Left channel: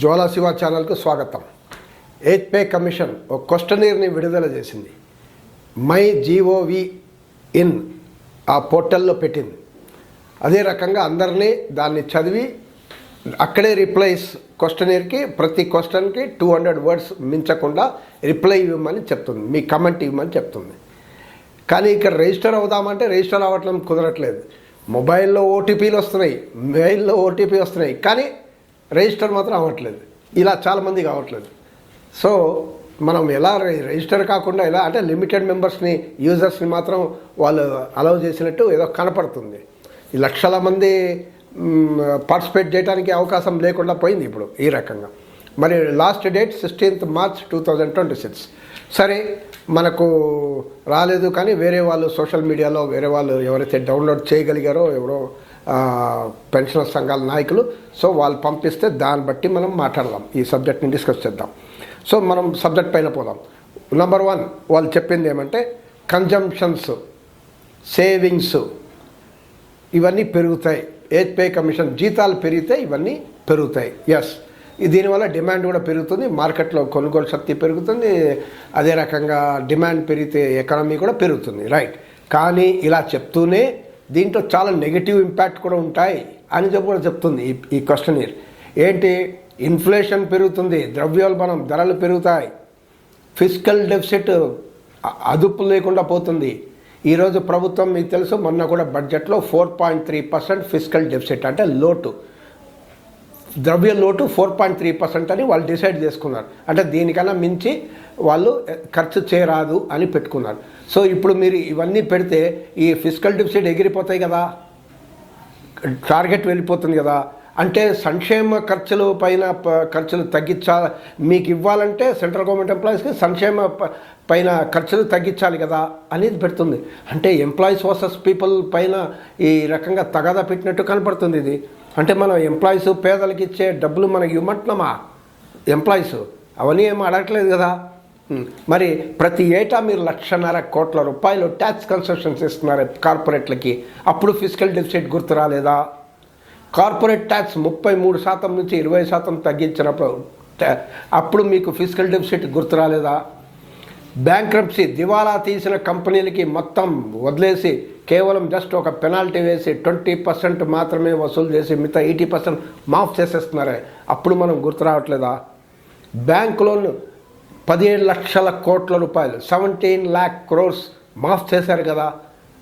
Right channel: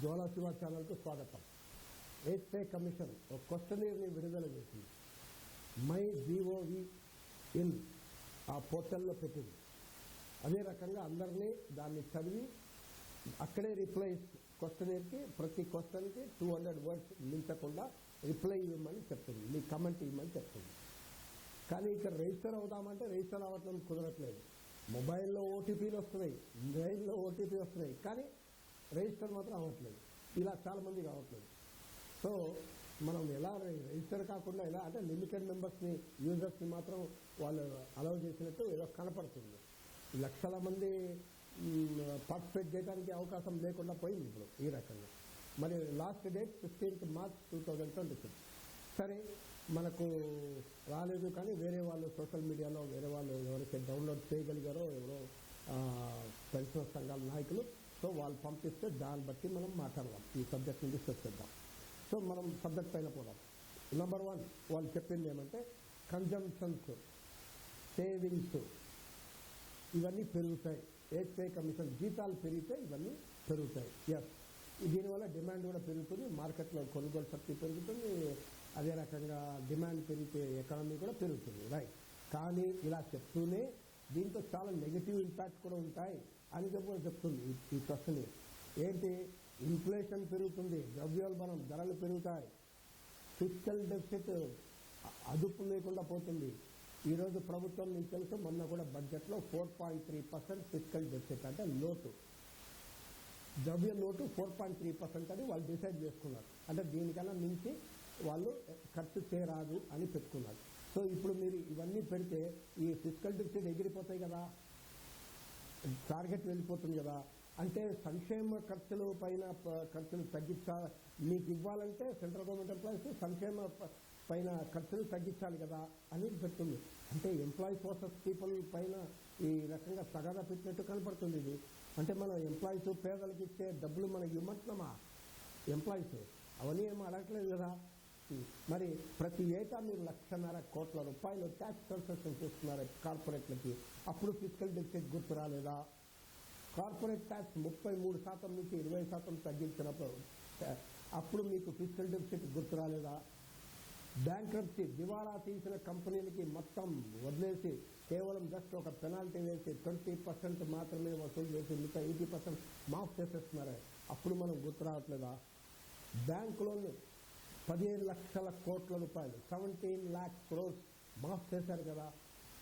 జ్వాలా శివ ఛానల్కు స్వాగతం. Eighth pay commission ఒక క్వశ్చనీర్ని విడుదల చేసింది. మై జీఓవి ఇన్ ఆ పోర్టల్లో పెట్టింది. అదే రకంగా అందరినీ దాన్ని చదివి అక్కడే రిప్లైస్ క్వశ్చనీర్కి ప్రతి క్వశ్చన్కి 200 వర్డ్స్ మించకుండా రిప్లై ఇవ్వమని చెప్తుంది, మీ కమెంట్ ఇవ్వమని చెప్తుంది. కానీ ఇక్కడ రిజిస్టర్ అవుదామంటే రిజిస్టర్ అవ్వటం కుదరట్లేదు. మొబైల్లో ఓటీపీలు వస్తున్నాయి, మెయిల్లో ఓటీపీ వస్తున్నాయి, కానీ రిజిస్టర్ మాత్రం అవ్వట్లేదు. ఇలా చాలామంది కావట్లేదు. సో మనం ఎలా రిజిస్టర్ కాకుండా ఎలా అంటే లిమిటెడ్ మెంబర్స్ని యూజర్స్ని మాత్రం వాళ్ళు అలౌ చేసినట్టు ఏదో కనపడుతుంది. ఈ లక్షల మంది పార్టిసిపేట్ చేయడానికి అవకాశం లేకుండా పోయింది ఇప్పుడు ఈ రకంగా. మరి లాస్ట్ డేట్ 16th March 2026. సరే మనకు రాలేదు, కానీ వేరే వాళ్ళు సోషల్ మీడియాలో వేరే వాళ్ళు ఎవరైతే డౌన్లోడ్ చేయగలిగారో ఎవరో పెన్షనర్ సంఘాల నాయకులు, సో వాళ్ళు పంపిస్తే దాన్ని బట్టి మనం మాట్లాడదాం, ఈ సబ్జెక్ట్ని డిస్కస్ చేద్దాం. సో మనం సబ్జెక్ట్ పైన పోదాం. నెంబర్ 1 వాళ్ళు చెప్పింది ఏమంటే కన్జంప్షన్స్, సేవింగ్స్ ఇవన్నీ పెరుగుతాయి. ఎయిత్ పే కమిషన్ జీతాలు పెరిగితే ఇవన్నీ పెరుగుతాయి. ఎస్, దీనివల్ల డిమాండ్ కూడా పెరుగుతుంది, మార్కెట్లో కొనుగోలు శక్తి పెరుగుతుంది, అదే రకంగా డిమాండ్ పెరిగితే ఎకానమీ కూడా పెరుగుతుంది, రైట్. కానీ ఇలా చెప్తూనే దీంట్లో చాలా నెగిటివ్ ఇంపాక్ట్ కూడా ఉంటాయి అని కూడా చెప్తుంది ఈ క్వశ్చనీర్. ఏంటి? ఇన్ఫ్లేషన్ పెరుగుతుంది, ద్రవ్యోల్బణం ధరలు పెరుగుతాయి, ఫిస్కల్ డెఫిసిట్ అదుపు లేకుండా పోతుంది. ఈరోజు ప్రభుత్వం మీకు తెలుసు, మొన్న కూడా బడ్జెట్లో 4.3% ఫిస్కల్ డెఫిసిట్ అంటే లోటు, ద్రవ్య లోటు 4.3% అని వాళ్ళు డిసైడ్ చేసుకున్నారు. అంటే దీనికన్నా మించి వాళ్ళు ఖర్చు చేయరాదు అని పెట్టుకున్నారు. సో ఇప్పుడు మీరు ఇవన్నీ పెడితే ఈ ఫిస్కల్ డెఫిసిట్ ఎగిరిపోతాయి కదా, టార్గెట్ వెళ్ళిపోతుంది కదా. అంటే సంక్షేమ ఖర్చుల పైన ఖర్చులు తగ్గించాలి, మీకు ఇవ్వాలంటే సెంట్రల్ గవర్నమెంట్ ఎంప్లాయీస్కి సంక్షేమ పైన ఖర్చులు తగ్గించాలి కదా అనేది పెడుతుంది. అంటే ఎంప్లాయీస్ వర్సెస్ పీపుల్ పైన ఈ రకంగా తగాదా పెట్టినట్టు కనపడుతుంది ఇది. అంటే మనం ఎంప్లాయీస్ పేదలకు ఇచ్చే డబ్బులు మనకి ఇవ్వమంటున్నామా? ఎంప్లాయీస్ అవన్నీ ఏమో అడగట్లేదు కదా. మరి ప్రతి ఏటా మీరు 1,50,000 కోట్ల రూపాయలు ట్యాక్స్ కన్సెషన్స్ ఇస్తున్నారు కార్పొరేట్లకి, అప్పుడు ఫిస్కల్ డెఫిసిట్ గుర్తు రాలేదా? కార్పొరేట్ ట్యాక్స్ 33% నుంచి 20% తగ్గించినప్పుడు అప్పుడు మీకు ఫిస్కల్ డెఫిసిట్ గుర్తు రాలేదా? బ్యాంక్రప్సీ, దివాలా తీసిన కంపెనీలకి మొత్తం వదిలేసి కేవలం జస్ట్ ఒక పెనాల్టీ వేసి 20% మాత్రమే వసూలు చేసి మిగతా 80% మాఫ్ చేసేస్తున్నారే, అప్పుడు మనం గుర్తు రావట్లేదా? బ్యాంక్ లోన్ 17 లక్షల కోట్ల రూపాయలు 17 lakh crores మాఫ్ చేశారు కదా,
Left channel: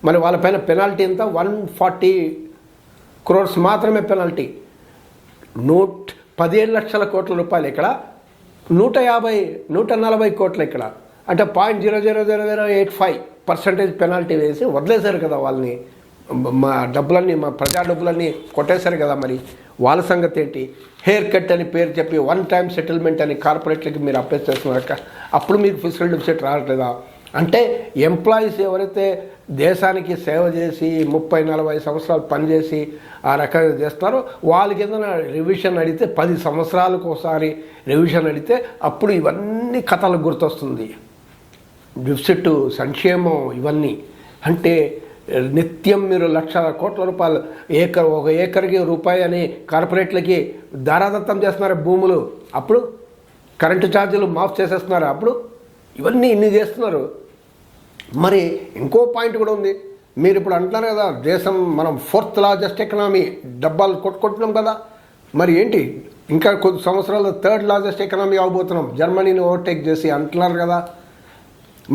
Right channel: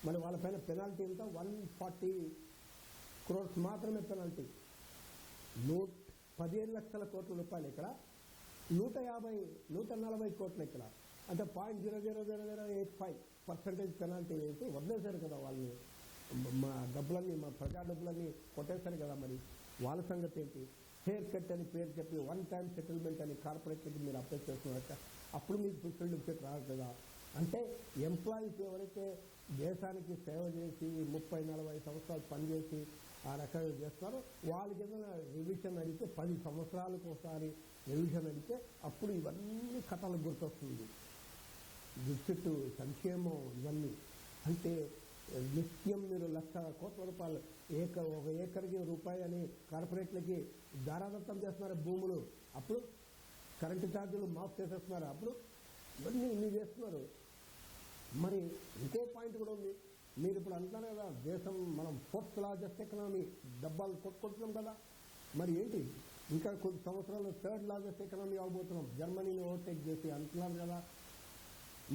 మరి వాళ్ళపైన పెనాల్టీ ఎంత? 140 crores మాత్రమే పెనాల్టీ. 17 లక్షల కోట్ల రూపాయలు ఇక్కడ, 140 కోట్లు ఇక్కడ, అంటే 0.00085% పెనాల్టీ వేసి వదిలేశారు కదా వాళ్ళని. మా డబ్బులన్నీ, మా ప్రజా డబ్బులన్నీ కొట్టేశారు కదా. మరి వాళ్ళ సంగతి ఏంటి? హెయిర్ కట్ అని పేరు చెప్పి 1 time సెటిల్మెంట్ అని కార్పొరేట్లకి మీరు అప్లై చేస్తున్నారు, అప్పుడు మీకు ఫిస్కల్ డెఫిసిట్ రావట్లేదా? అంటే ఎంప్లాయీస్ ఎవరైతే దేశానికి సేవ చేసి 30-40 సంవత్సరాలు పనిచేసి ఆ రకంగా చేస్తారో వాళ్ళకి ఏదైనా రివిజన్ అడిగితే 10 సంవత్సరాలకు ఒకసారి రివిజన్ అడిగితే అప్పుడు ఇవన్నీ కథలకు గుర్తొస్తుంది. డెఫిసిట్, సంక్షేమం ఇవన్నీ. అంటే నిత్యం మీరు 1,00,000 కోట్ల రూపాయలు ఒక ఏకర్కి రూపాయి అని కార్పొరేట్లకి దారాదత్తం చేస్తున్నారు భూములు, అప్పుడు కరెంటు ఛార్జీలు మాఫ్ చేసేస్తున్నారు, అప్పుడు ఇవన్నీ ఇన్ని చేస్తున్నారు. మరి ఇంకో పాయింట్ కూడా ఉంది. మీరు ఇప్పుడు అంటున్నారు కదా, దేశం మనం 4th largest ఎకనామీ, డబ్బాలు కొట్టుకుంటున్నాం కదా. మరి ఏంటి, ఇంకా కొద్ది సంవత్సరాలు 3rd largest ఎకనామీ అవబోతున్నాం, జర్మనీని ఓవర్టేక్ చేసి అంటున్నారు కదా.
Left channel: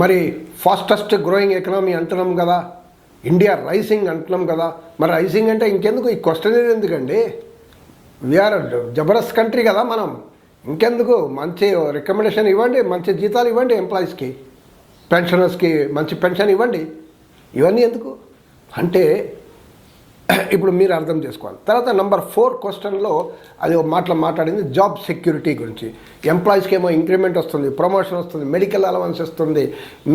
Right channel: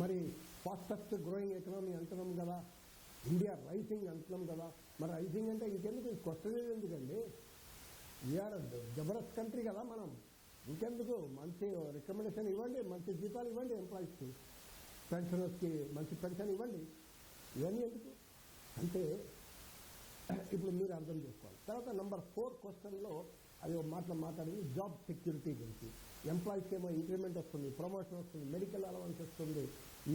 మరి ఫాస్టెస్ట్ గ్రోయింగ్ ఎకనామీ అంటున్నాం కదా, ఇండియా రైసింగ్ అంటున్నాం కదా. మరి రైసింగ్ అంటే ఇంకెందుకు ఈ క్వశ్చన్ ఎందుకండి? వీఆర్ జబర్దస్త్ కంట్రీ కదా మనం, ఇంకెందుకు? మంచి రికమెండేషన్ ఇవ్వండి, మంచి జీతాలు ఇవ్వండి ఎంప్లాయీస్కి, పెన్షనర్స్కి మంచి పెన్షన్ ఇవ్వండి, ఇవన్నీ ఎందుకు అంటే ఇప్పుడు మీరు అర్థం చేసుకోవాలి. తర్వాత నెంబర్ 4 క్వశ్చన్లో అది ఒక మాట్లాడింది జాబ్ సెక్యూరిటీ గురించి. ఎంప్లాయీస్కి ఏమో ఇంక్రిమెంట్ వస్తుంది, ప్రమోషన్ వస్తుంది, మెడికల్ అలవెన్స్ ఇస్తుంది,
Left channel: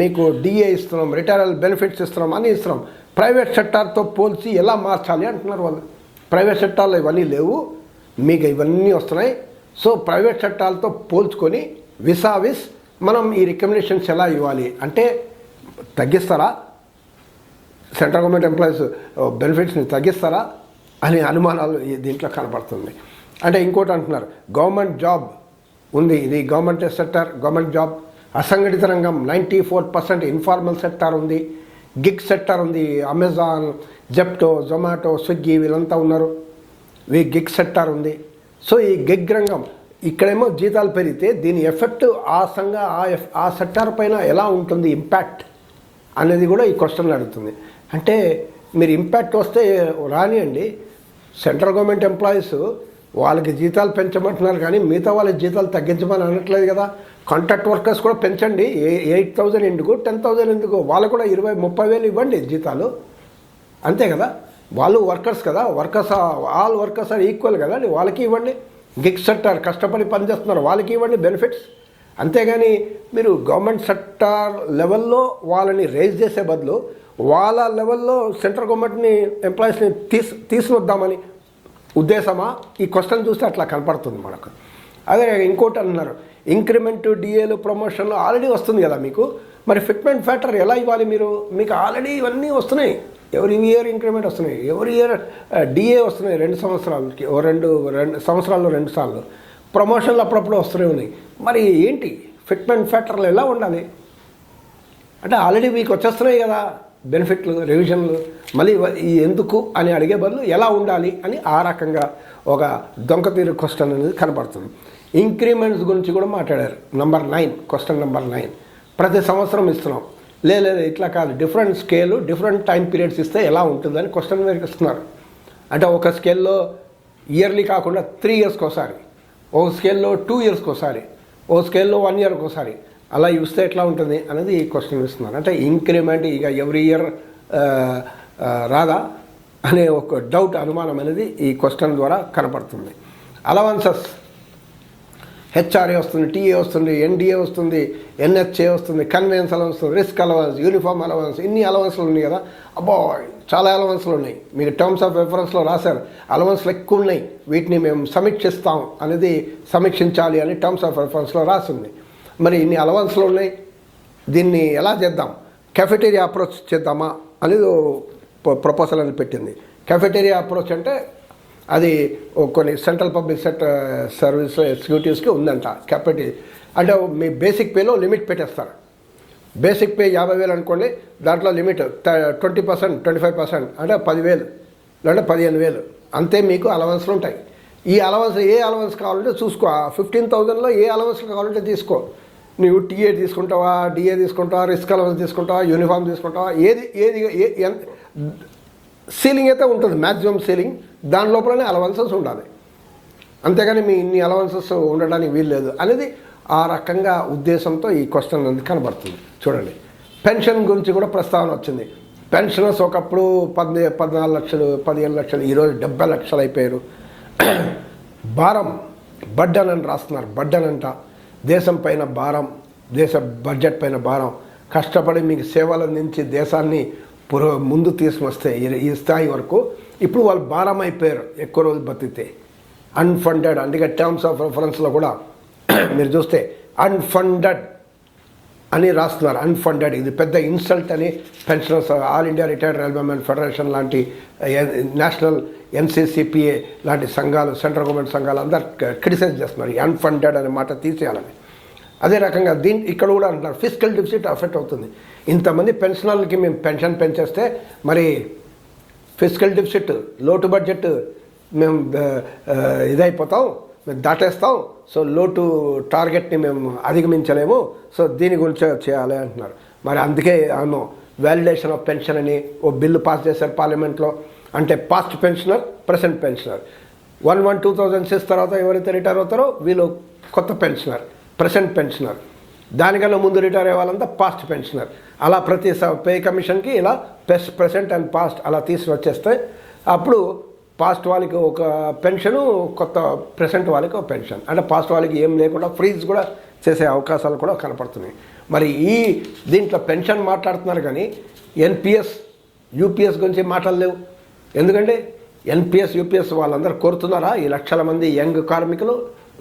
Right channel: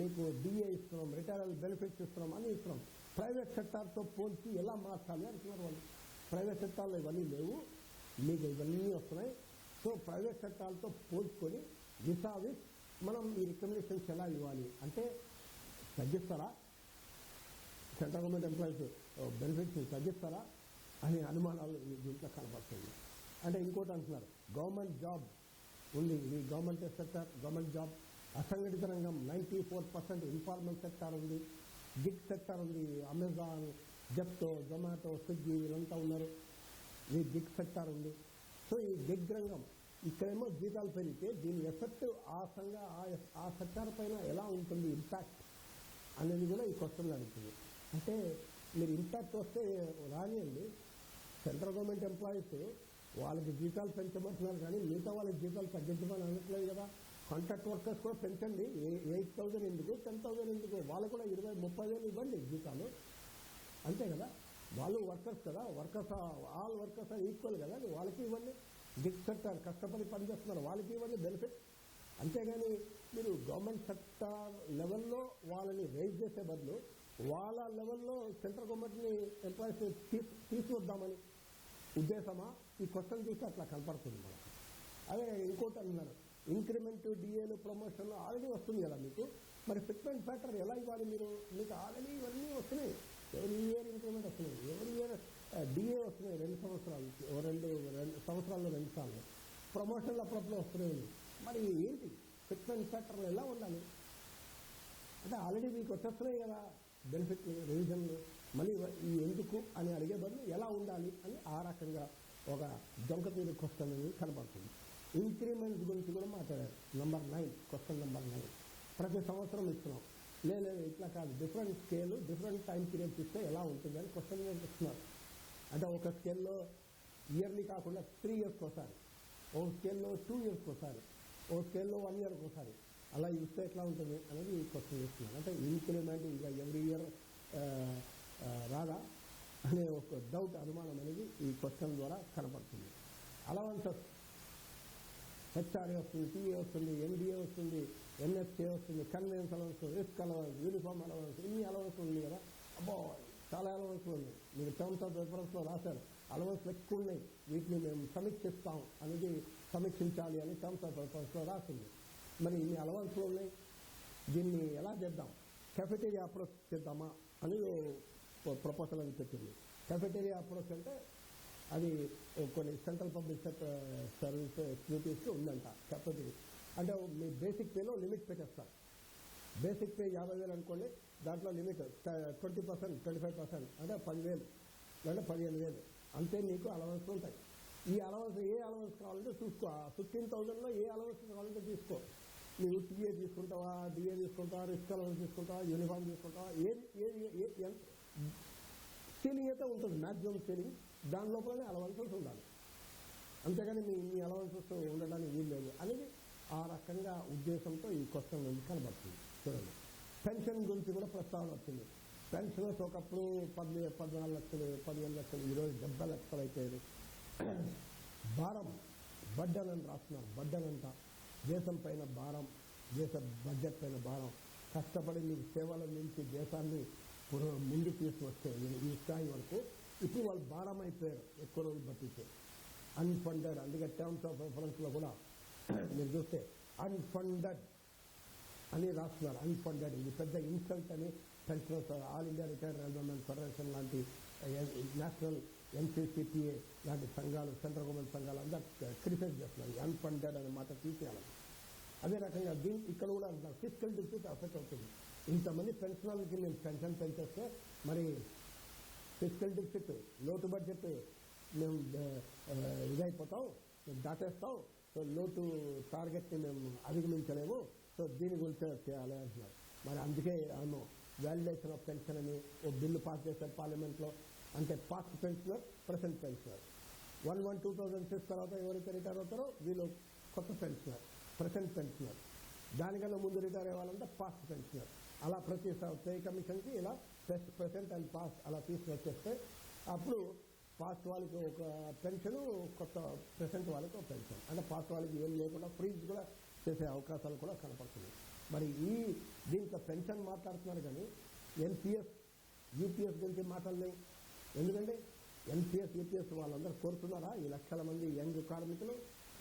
మీకు డిఏ ఇస్తున్నాం, రిటైరల్ బెనిఫిట్స్ ఇస్తున్నాం, అన్నీ ఇస్తున్నాం. ప్రైవేట్ సెక్టార్తో పోల్చి ఎలా మార్చాలి అంటున్నారు వాళ్ళు. ప్రైవేట్ సెక్టార్లో ఇవన్నీ లేవు, మీకు ఇవన్నీ వస్తున్నాయి. సో ప్రైవేట్ సెక్టార్లతో పోల్చుకొని విసావిస్ మనం ఈ రికమెండేషన్స్ ఎలా ఇవ్వాలి అంటే, తగ్గిస్తారా సెంట్రల్ గవర్నమెంట్ ఎంప్లాయీస్ బెనిఫిట్స్ని తగ్గిస్తారా అనే అనుమానాలు దీంట్లో కనపడుతుంది. అంటే ఇంకోటి అంటున్నారు, గవర్నమెంట్ జాబ్ ఉంది, ఇది గవర్నమెంట్ సెక్టర్, గవర్నమెంట్ జాబ్. అసంఘటిత రంగం 94% ఇన్ఫార్మల్ సెక్టార్ ఉంది, గిగ్ సెక్టార్ ఉంది. అమెజాన్, జెప్టో, జొమాటో, స్విగ్గీ వీళ్ళంతా ఉన్నారు. గిగ్ సెక్టార్ ఉంది. సో ఈ గిగ్ రంగం ఇక్కడేమో జీతాలు పెరిగితే దీని ఎఫెక్ట్ ఆ సెక్టార్ పైన ఎలా ఉంటుంది, ఇంపాక్ట్ అనేది కూడా ఈ క్వశ్చన్లు అడుగుతుంది. అంటే మీరు ఇంపాక్ట్ వస్తే రానియండి, సెంట్రల్ గవర్నమెంట్ ఎంప్లాయీస్ వాళ్ళకి జీతాలు పెంచమంటున్నారు కానీ మిగతా వాళ్ళకి జీతాలు తగ్గించమని అనట్లేదు కదా. కాంట్రాక్ట్ వర్కర్స్ కూడా పెంచండి, 8,000 ఎందుకు, 10,000 ఎందుకు, వాళ్ళు కూడా 20,000-30,000 ఇవ్వండి జీతాలు, అంతే కదా. వాళ్ళు వర్కర్స్ కదా, ఆల్ వర్కర్స్ ఆర్ ఈక్వల్ కదా, వాళ్ళకి ఇవ్వండి. గిగ్ సెక్టార్ కష్టపడి పనిచేస్తున్నారు, వాళ్ళకి ఇవ్వండి బెనిఫిట్స్. అంతేగాని మీరు గవర్నమెంట్ సెక్టార్ లెవెల్లో వాళ్ళని రేజ్ చేసే బదులు వాళ్ళ లెవెల్లో సెంట్రల్ గవర్నమెంట్ని ఎంప్లాయీస్ని తీసుకొద్దామని ఉద్దేశమా? ఈ క్వశ్చన్ చూస్తే అట్లా కనపడుతుంది మనకు. అదే ఇంకోటి అన్నారు, ఇంక్రిమెంట్, డిఏలు, ప్రమోషన్లు ఆల్రెడీ వస్తుంది కదా మీకు, మరి ఫిట్మెంట్ ఫ్యాక్టర్ ఎలా ఇవ్వాలి మీరు? మీకు ఆల్రెడీ ఇవన్నీ వస్తున్నాయి, ఎవరి ఇయర్ ఇంక్రిమెంట్ వస్తున్నాయి, ఎవరి ఇయర్ డిఏ వస్తున్నాయి 2 సంవత్సరాలకి, రెండు సంవత్సరాల్లో 2 సార్లు, ప్రమోషన్లు అప్పుడప్పుడు వస్తూనే ఉన్నాయి. మరి ఏంటి ఫిట్మెంట్ ఫ్యాక్టర్లు ఎలా ఉండాలి? అంటే ఆల్రెడీ మీకు వచ్చేస్తున్నాయి కదా బెనిఫిట్లు, రివిజన్లు, మళ్ళీ ఎందుకు అని అడిగే బదులు ఎలా ఉండాలి అని ఆ రకంగా ఒక దొంగతీరు క్వశ్చన్ అనేది కనపడుతుంది. ఇంక్రిమెంట్స్ గురించి కూడా మాట్లాడారు. క్వశ్చన్ నెంబర్ 9 ప్రతి సంవత్సరం ఇస్తున్నాం, లేదు ఇట్లా కాదు, different scale, different time periods ఇస్తే ఎలా ఉంటుందని క్వశ్చన్ మీరు ఇస్తున్నారు. అంటే ఒక స్కేల్లో ఇయర్లీ కాకుండా 3 ఇయర్స్కి ఒకసారి, ఒక స్కేల్లో 2 ఇయర్స్కి ఒకసారి, ఒక స్కేల్లో 1 ఇయర్కి ఒకసారి అలా ఇస్తే ఎట్లా ఉంటుంది అనేది ఈ క్వశ్చన్ ఇస్తున్నారు. అంటే ఇంక్రిమెంట్ ఇక ఎవ్రీ ఇయర్ రాదా అనే ఒక డౌట్, అనుమానం అనేది ఈ క్వశ్చన్ ద్వారా కనపడుతుంది. అలవన్సెస్ హెచ్ఆర్ఏ వస్తుంది, టీఏ వస్తుంది, ఎన్డీఏ వస్తుంది, ఎన్హెచ్ఏ వస్తుంది, conveyance allowance, risk allowance, uniform allowance, ఇన్ని అలవన్స్లు ఉన్నాయి కదా. అబ్బో చాలా అలవన్స్లు ఉన్నాయి. మీకు టర్మ్స్ ఆఫ్ రెఫరెన్స్లో రాశారు అలవన్స్లు ఎక్కువ ఉన్నాయి, వీటిని మేము సమీక్షిస్తాం అనేది, సమీక్షించాలి అని టర్మ్స్ ఆఫ్ రెఫరెన్స్లో రాసింది. మరి ఇన్ని అలవన్స్లు ఉన్నాయి, దీన్ని ఎలా చేద్దాం, కెఫెటేరియా అప్రోచ్ చేద్దామా అనేది ప్రపోజల్ అని పెట్టింది. కెఫెటేరియా అప్రోచ్ అంటే అది కొన్ని సెంట్రల్ పబ్లిక్ సెక్టర్ సర్వీస్ ఎగ్జిక్యూటివ్స్కి ఉందంట. కెఫెటేరియా అంటే మీ బేసిక్ పేలో లిమిట్ పెట్టేస్తారు. బేసిక్ పే 50,000 అనుకోండి, దాంట్లో లిమిట్ 20%, 25% అంటే 10,000 లేదా 15,000 అంతే మీకు అలవన్స్లు ఉంటాయి. ఈ అలవన్స్ ఏ అలవన్స్ కావాలంటే చూసుకో, 15,000లో ఏ అలవన్స్ కావాలంటే తీసుకో. నువ్వు టీఏ తీసుకుంటావా, డిఏ తీసుకుంటావా, రిస్క్ అలవన్స్ తీసుకుంటావా, యూనిఫామ్ తీసుకుంటావా, ఏది సీలింగ్ అయితే ఉంటుంది, మ్యాక్సిమం సీలింగ్, దాని లోపలనే అలవన్సెస్ ఉండాలి. అంతేగాని మీ ఇన్ని అలవన్సెస్ ఉండడానికి వీల్లేదు అనేది ఆ రకంగా ఉద్దేశంతో ఈ క్వశ్చన్ అనేది కనబడుతుంది. చూడండి, పెన్షన్ గురించి కూడా ప్రస్తావన వచ్చింది. పెన్షనర్స్ ఒకప్పుడు 14 లక్షలు, 15 లక్షలు, ఈరోజు 70 లక్షలు అయిపోయారు. భారం, బడ్డన్ అని రాస్తున్నారు. బడ్డన్ అంట దేశం పైన భారం, దేశ బడ్జెట్ పైన భారం. కష్టపడి మీకు సేవలు అందించి దేశాన్ని ముందు తీసుకొస్తే ఈ స్థాయి వరకు ఇప్పుడు వాళ్ళు భారం అయిపోయారు ఎక్కువ రోజులు బతికితే. అన్ఫండెడ్, అందుకే టర్మ్స్ ఆఫ్ రెఫరెన్స్లో కూడా మీరు చూస్తే అన్ఫండెడ్ అని రాస్తున్నారు. అన్ఫండెడ్ ఇది పెద్ద ఇన్సల్ట్ అని pensioners, all India retired railwaymen federation లాంటి, నేషనల్ ఎన్సీసీపీఏ లాంటి సంఘాలు, సెంట్రల్ గవర్నమెంట్ సంఘాలు అందరు క్రిటిసైజ్ చేస్తున్నారు. అన్ఫండెడ్ అనే మాట తీసేయాలని. అదే రకంగా ఇక్కడ కూడా అంటున్నారు ఫిజికల్ డెఫిసిట్ అఫెక్ట్ అవుతుంది. ఇంతమంది పెన్షనర్లకి మేము పెన్షన్ పెంచేస్తే మరి ఫిజికల్ డెఫిసిట్, లోటు బడ్జెట్ మేము ఇదైపోతాం, మేము దాటేస్తాం. సో లోటు టార్గెట్ని మేము అధిగమించలేము. సో దీని గురించి చేయాలి అంటున్నారు. మరి అందుకే అవును వ్యాలిడేషన్ ఆఫ్ పెన్షన్ అని ఓ బిల్లు పాస్ చేశారు పార్లమెంట్లో. అంటే పాస్ట్ పెన్షనర్, ప్రెసెంట్ పెన్షనర్. 1/1/2006 తర్వాత ఎవరైతే రిటైర్ అవుతారో వీళ్ళు కొత్త పెన్షనర్, ప్రెసెంట్ పెన్షనర్. దానికన్నా ముందు రిటైర్ అయ్యే వాళ్ళంతా పాస్ట్ పెన్షనర్. అలా ప్రతి పే కమిషన్కి ఇలా ప్రెసెంట్ అండ్ పాస్ట్ అలా తీసుకొచ్చేస్తే అప్పుడు పాస్ట్ వాళ్ళకి ఒక పెన్షను, కొత్త ప్రెసెంట్ వాళ్ళకి ఒక పెన్షన్. అంటే పాస్ట్ వాళ్ళకి ఏం లేకుండా ఫ్రీజ్ కూడా చేసే అవకాశాలు కూడా కనపడుతున్నాయి. మరి దీంట్లో పెన్షన్ మాట్లాడుతున్నారు కానీ ఎన్పిఎస్, యూపీఎస్ గురించి మాట్లాడలేవు. ఎందుకంటే ఎన్పిఎస్, యూపీఎస్ వాళ్ళందరూ కోరుతున్నారా? ఈ లక్షల మంది యంగ్ కార్మికులు,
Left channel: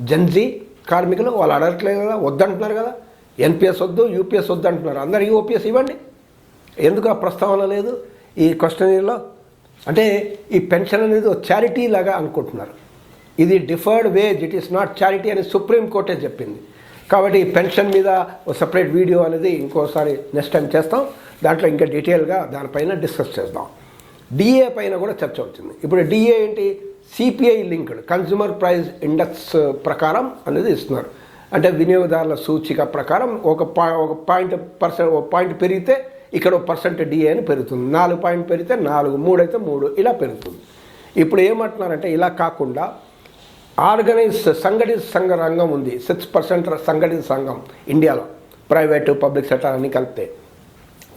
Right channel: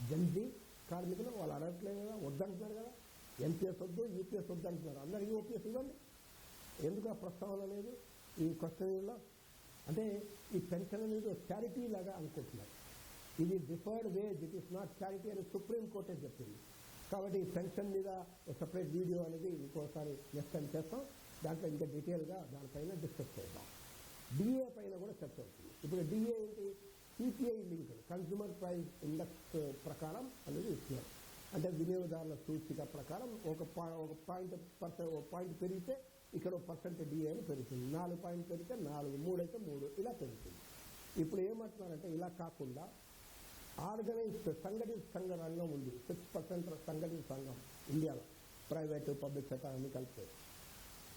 జెన్జీ కార్మికులు వాళ్ళు అడగట్లేదు కదా, వద్దంటున్నారు కదా. ఎన్పిఎస్ వద్దు, యూపీఎస్ వద్దు అంటున్నారు. అందరికీ ఓపీఎస్ ఇవ్వండి. ఎందుకు ఆ ప్రస్తావన లేదు ఈ క్వశ్చనీర్లో? అంటే ఈ పెన్షన్ అనేది ఒక చారిటీ లాగా అనుకుంటున్నారు. ఇది deferred wage, it is not charity అని సుప్రీంకోర్టే చెప్పింది. కాబట్టి పెన్షన్ మీద ఒక సపరేట్ వీడియో అనేది ఇంకోసారి నెక్స్ట్ టైం చేస్తాం. దాంట్లో ఇంకా డీటెయిల్గా దానిపైన డిస్కస్ చేద్దాం. డిఏ పైన కూడా చర్చ వచ్చింది. ఇప్పుడు డిఏ ఏంటి? CPI linked consumer price index ప్రకారం అనేది ఇస్తున్నారు. అంటే వినియోగదారుల సూచిక ప్రకారం ఒక పాయింట్ పెరిగితే ఇక్కడ పర్సెంట్ డిఏ అని పెరుగుతుంది. 4 పాయింట్ పెరిగితే 4, 3 అయితే 3 ఇలా పెరుగుతుంది. ఇప్పుడు ఏమంటున్నారంటే ఇలా కాకుండా సంఘటిత సంఘ రంగం ఉంది, 6% సంఘటిత సంఘం ఇండియాలో, ప్రైవేటు పబ్లిక్ సెక్టర్ అన్ని కలిపితే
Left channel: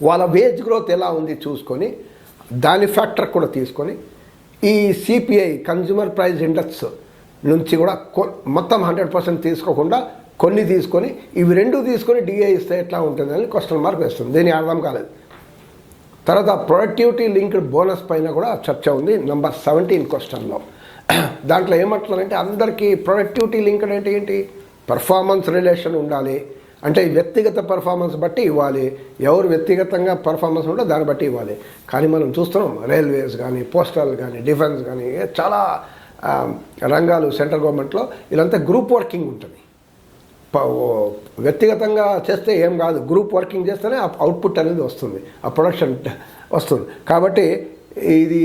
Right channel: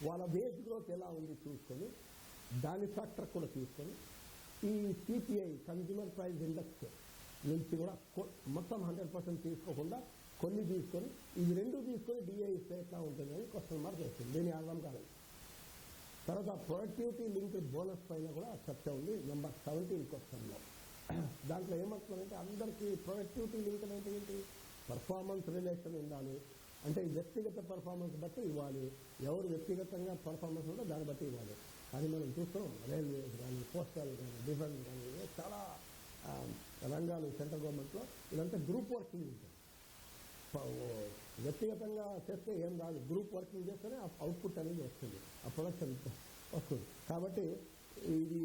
వాళ్ళ వేజ్ గ్రోత్ ఎలా ఉంది చూసుకొని దాని ఫ్యాక్టర్ కూడా తీసుకొని ఈ సిపిఐ కన్జ్యూమర్ ప్రైస్ ఇండెక్స్ నుంచి కూడా మొత్తం 100% తీసుకోకుండా కొన్ని తీసుకొని ఇవి రెండు తీసుకొని డిఏ ఇస్తే ఎట్లా ఉంటుందని క్వశ్చన్ మార్క్ వేస్తుంది. దీని అర్థం కాలేదు. తర్వాత ప్రొడక్టివిటీ లింక్డ్ బోనస్ పైన కూడా చర్చ ఉంది నెంబర్ 17 క్వశ్చన్లో. దాంట్లో ఏమంటున్నారంటే అందరికీ ప్రొడక్టివిటీ లింక్డ్ అంటే ఏంటి? పర్ఫార్మెన్స్ రిలేషన్ ఉండాలి, అంటే వ్యక్తిగత పర్ఫార్మెన్స్ బట్టి ఇవ్వాలి. ఎవరు వ్యక్తిగతంగా పర్ఫార్మెన్స్ ఉంటే దాన్ని బట్టి ఇవ్వాలి. కానీ మనం చూస్తున్నాం రైల్వేస్ కానీ, పోస్టల్ కానీ, డిఫెన్స్ కానీ, చాలా రంగాలు సెంట్రల్ గవర్నమెంట్లో ఇదంతా గ్రూప్ వర్కింగ్ ఉంటుంది. వ్యక్తిగతంగా చేస్తే ఏం కాదు, గ్రూప్ వర్కింగ్ చేస్తేనే ఆ అవుట్పుట్ అనేది వస్తుంది, ఆ ప్రొడక్షన్ వస్తుంది. కాబట్టి ఇది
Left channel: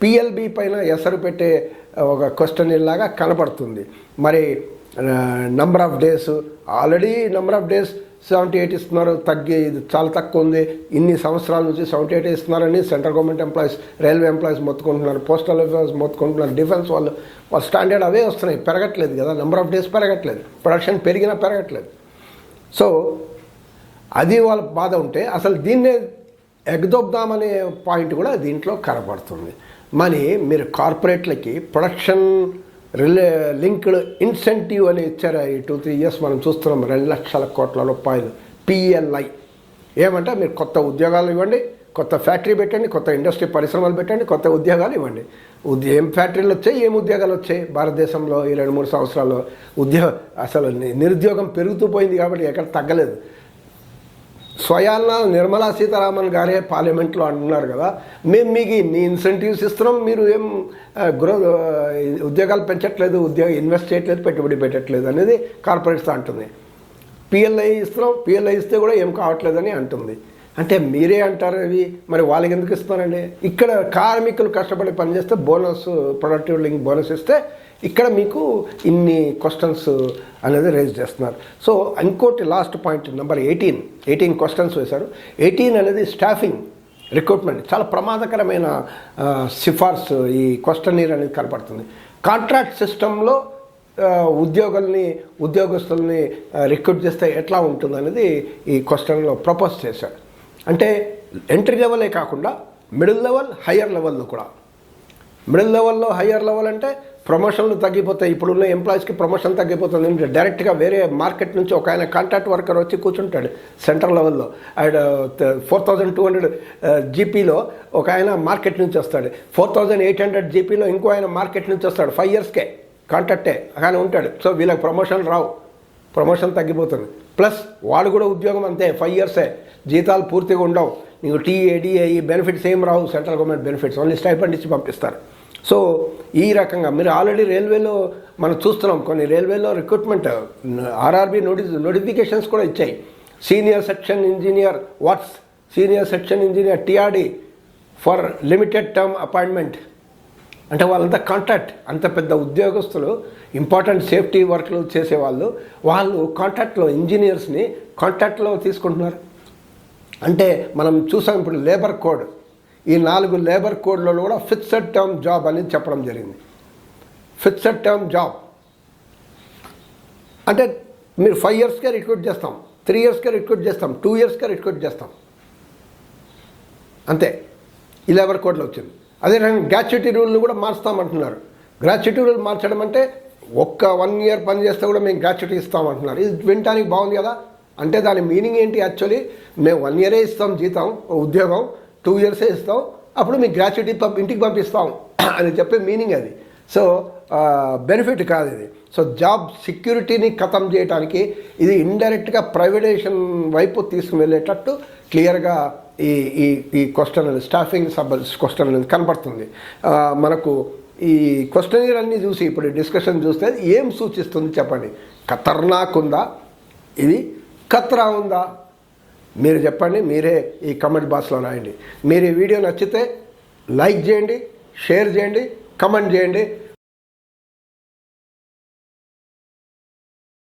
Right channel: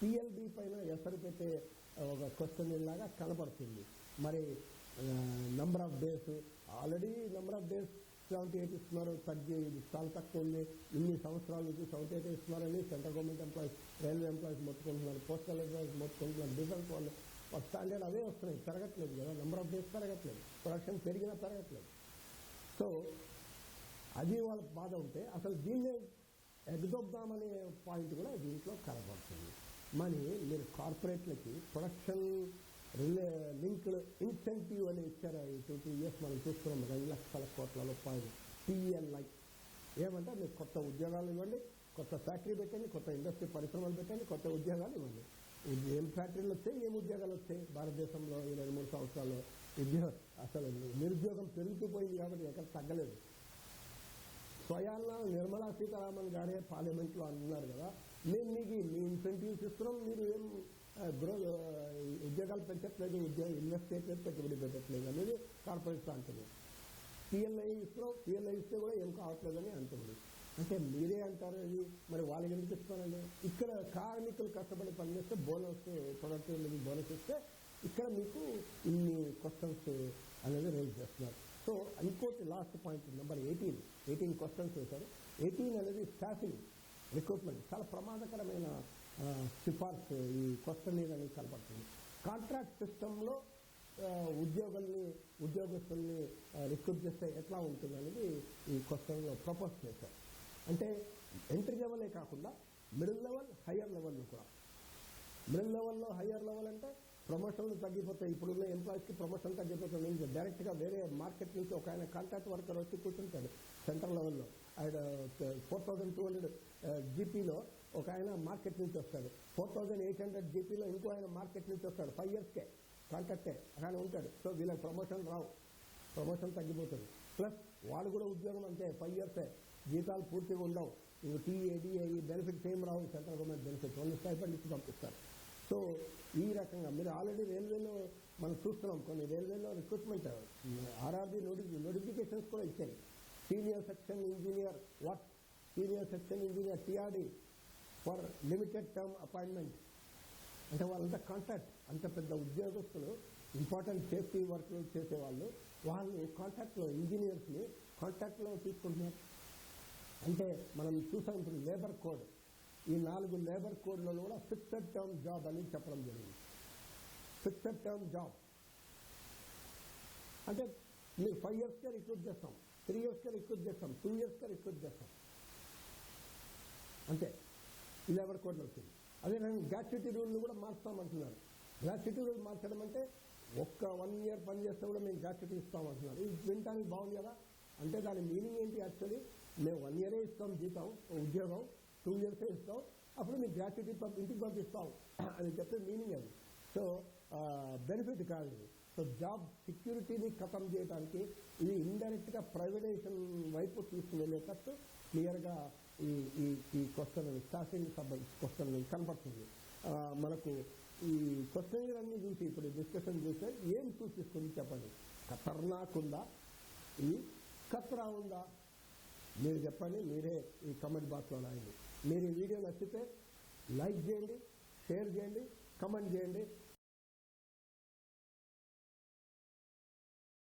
పిఎల్బి పైన ఎసరు పెట్టే ఒక క్వశ్చన్ లాగా కనపడుతుంది. మరి number of days, already number of days 78 ఇస్తున్నారు, ఇది చాలా తక్కువ ఉంది. ఇన్ని సంవత్సరాల నుంచి 78 ఇస్తున్నారని central government employees, railway employees మొత్తుకుంటున్నారు, పోస్టల్ ఎంప్లాయీస్ మొత్తుకుంటున్నారు, డిఫెన్స్ వాళ్ళ స్టాండర్డ్ అవే వస్తున్నాయి, పెరగట్లేదు కదా, నెంబర్ ఆఫ్ డేస్ పెరగట్లేదు, ప్రొడక్షన్ పెరిగినా పెరగట్లేదు. సో అది వాళ్ళ బాధ ఉంటే అసలు దీన్నే ఎగదొబ్దామనే పాయింట్ కూడా దీంట్లో కనబడుతుంది. మరి మీరు కార్పొరేట్లకి ప్రొడక్షన్ లింక్డ్ ఇన్సెంటివ్ అని ఇచ్చారు. ఈ 2-3 ఇయర్స్ మనం చూస్తున్నాం, 2 లక్షల కోట్ల రూపాయలు పిఎల్ఐ. ఏమంటే మీరు కొత్త ఉద్యోగాలు ఇవ్వండి, కొత్త ఫ్యాక్టరీ పెట్టండి, కొత్త ఇండస్ట్రీ పరిశ్రమలు పెట్టండి, కొత్త ఉద్యోగాలు ఇవ్వండి. ఏం ఫ్యాక్టరీలు వచ్చాయి, ఏం ఉద్యోగాలు వచ్చాయి భారతదేశంలో ఈ 2-3 సంవత్సరాల్లో? అసలు నిరుద్యోగం పెరుగుతూ పోయింది కాబట్టి ఎక్కడ తగ్గలేదు. స్వయాన నిర్మలా సీతారామన్ గారే పార్లమెంట్లో అంటున్నారు కదా, మేము మీకు ఇన్ని ఇన్సెంటివ్స్ ఇస్తున్నాం, మీరు ఏం ఉద్యోగాలు పెంచట్లేదు, ఇన్వెస్ట్ చేయట్లేదు, పెట్టుబడి పెట్టట్లేదు అనేది కార్పొరేట్స్ అంటుంది. పిఎల్ఐ ఇస్తున్నాం, పిఎల్ఐ ఇస్తే కూడా ఏం కావట్లేదని అంటుంది. అంటే మీరే అంటారు అవి, మరి వాళ్ళకి ఎందుకు ఇస్తున్నారండి? ఇక్కడ కార్మికులు కష్టపడి పనిచేస్తే బోనస్, ప్రొడక్టివ్ లింక్ బోనస్ ఇస్తే ఇక్కడ మీకు ఇన్ని క్వశ్చన్స్ అనేది రేజ్ చేస్తున్నారు. సో ఇంకోటి లాస్ట్ పాయింట్ నెంబర్ 18 క్వశ్చన్స్ వేశారు. 18 అనేది స్టాఫింగ్ రిక్రూట్మెంట్, చాలా ప్రమాదకరమైన సిఫార్సు ఈ క్వశ్చనీర్ అనేది కనపడుతుంది. కాంట్రాక్ట్ సిస్టంలో ఉద్యోగస్తుల్ని రిక్రూట్ చేస్తే ఎట్లా ఉంటుంది అనేది ఈ క్వశ్చన్లో ప్రపోజ్ చేశారు. అంటే ఎంట్రీ లెవెలే కాకుండా మిడిల్ లెవెల్, హయ్యర్ లెవెల్లో కూడా. మిడిల్ లెవెల్లో, హయ్యర్ లెవెల్ అంటే ప్రమోషన్లు తగ్గిపోతాయి. ఇప్పుడున్న ఎంప్లాయీస్కి ప్రమోషన్ తగ్గిపోతుంది. డైరెక్ట్గా వేరే మార్కెట్ నుంచి ఒక ఆయన కాంట్రాక్ట్ వర్కర్ వచ్చి కూర్చుంటాడు సెంట్రల్ లెవెల్లో. అండ్ 4200 జీపీలో ఒక ఆయన మార్కెట్ నుంచి వస్తాడు, 4800 జీపీలో ఇంకో ఆయన మార్కెట్ నుంచి వస్తాడు. 5 ఇయర్స్కే కాంట్రాక్టే కానీ ఉంటాడు. సో వీళ్ళకి ప్రమోషన్ రావు, ప్రమోషన్ తగ్గిపోతుంది. ప్లస్ వాడు కూడా ఉద్యోగం అంతే, 5 ఇయర్సే, జీతాలు పూర్తిగా ఉండవు. నీకు టీఏడిఏ ఈ బెనిఫిట్స్ ఏం రావు, central government benefits only stipend ఇచ్చి పంపిస్తారు. సో ఈ రకంగా మీరు ఆల్రెడీ రైల్వేలో మనం చూస్తున్నాం, కొన్ని రైల్వేలో రిక్రూట్మెంట్ ఆర్ఆర్బీ నోటిఫికేషన్స్ కూడా ఇచ్చాయి. Senior section engineer senior section engineer TRD for limited term appointment. అంటే వాళ్ళంతా కాంట్రాక్ట్, అంత పెద్ద ఉద్యోగస్తులు, ఇంపార్టెంట్ సేఫ్టీ వర్క్లు చేసేవాళ్ళు, వాళ్ళు కాంట్రాక్ట్లో ఇంజనీర్స్ని కాంట్రాక్ట్లో తీసుకుంటున్నారు. అంటే మనం చూసాం ఇప్పుడు లేబర్ కోడ్, ఈ 4 లేబర్ కోడ్లలో కూడా ఫిక్స్డ్ టర్మ్ జాబ్ అనేది చెప్పడం జరిగింది. ఫిక్స్డ్ టర్మ్ జాబ్ అంటే మీరు 5 ఇయర్స్కే రిక్రూట్ చేస్తాం, 3 ఇయర్స్కే రిక్రూట్ చేస్తాం, 2 ఇయర్స్కే రిక్రూట్ చేస్తాం, అంతే. ఈ లేబర్ కోడ్లో వచ్చింది. అదే రకంగా గ్రాట్యుటీ రూల్ని కూడా మార్స్తామంటున్నారు. గ్రాట్యుటీ రూల్ మార్చడం అంటే ఒక్క 1 ఇయర్ పని చేస్తే కూడా మేము గ్రాట్యుటీ ఇస్తామంటున్నారు. ఇది వినటానికి బాగుంది కదా. అంటే దాని మీనింగ్ ఏంటి? యాక్చువల్లీ మేము 1 ఇయరే ఇస్తాం జీతం, ఉద్యోగం 2 ఇయర్సే ఇస్తాం, అప్పుడు మీకు గ్రాట్యుటీ ఇంటికి పంపిస్తాం అని చెప్పే మీనింగ్ అది. సో బెనిఫిట్ కాదు ఇది. సో జాబ్ సెక్యూరిటీని ఖతం చేయడానికి ఇది ఇండైరెక్ట్గా ప్రైవేటైజేషన్ వైపు తీసుకుని వెళ్ళేటట్టు క్లియర్గా ఈ క్వశ్చన్ అనేది, స్టాఫింగ్ క్వశ్చన్ అనేది కనపడుతుంది మనకు. ఈ క్వశ్చనీర్ అన్నీ చూసి ఇప్పుడు డిస్కషన్ చూస్తే ఏం సూచిస్తుంది చెప్పండి? ఖతర్నాక్ ఉందా, ఇది ఖత్రా ఉందా? మీరు చెప్పండి, మీరే ఈ కమెంట్ బాక్స్లో రాయండి. మీరు ఈ వీడియో నచ్చితే లైక్ చేయండి, షేర్ చేయండి, కమెంట్ చేయండి.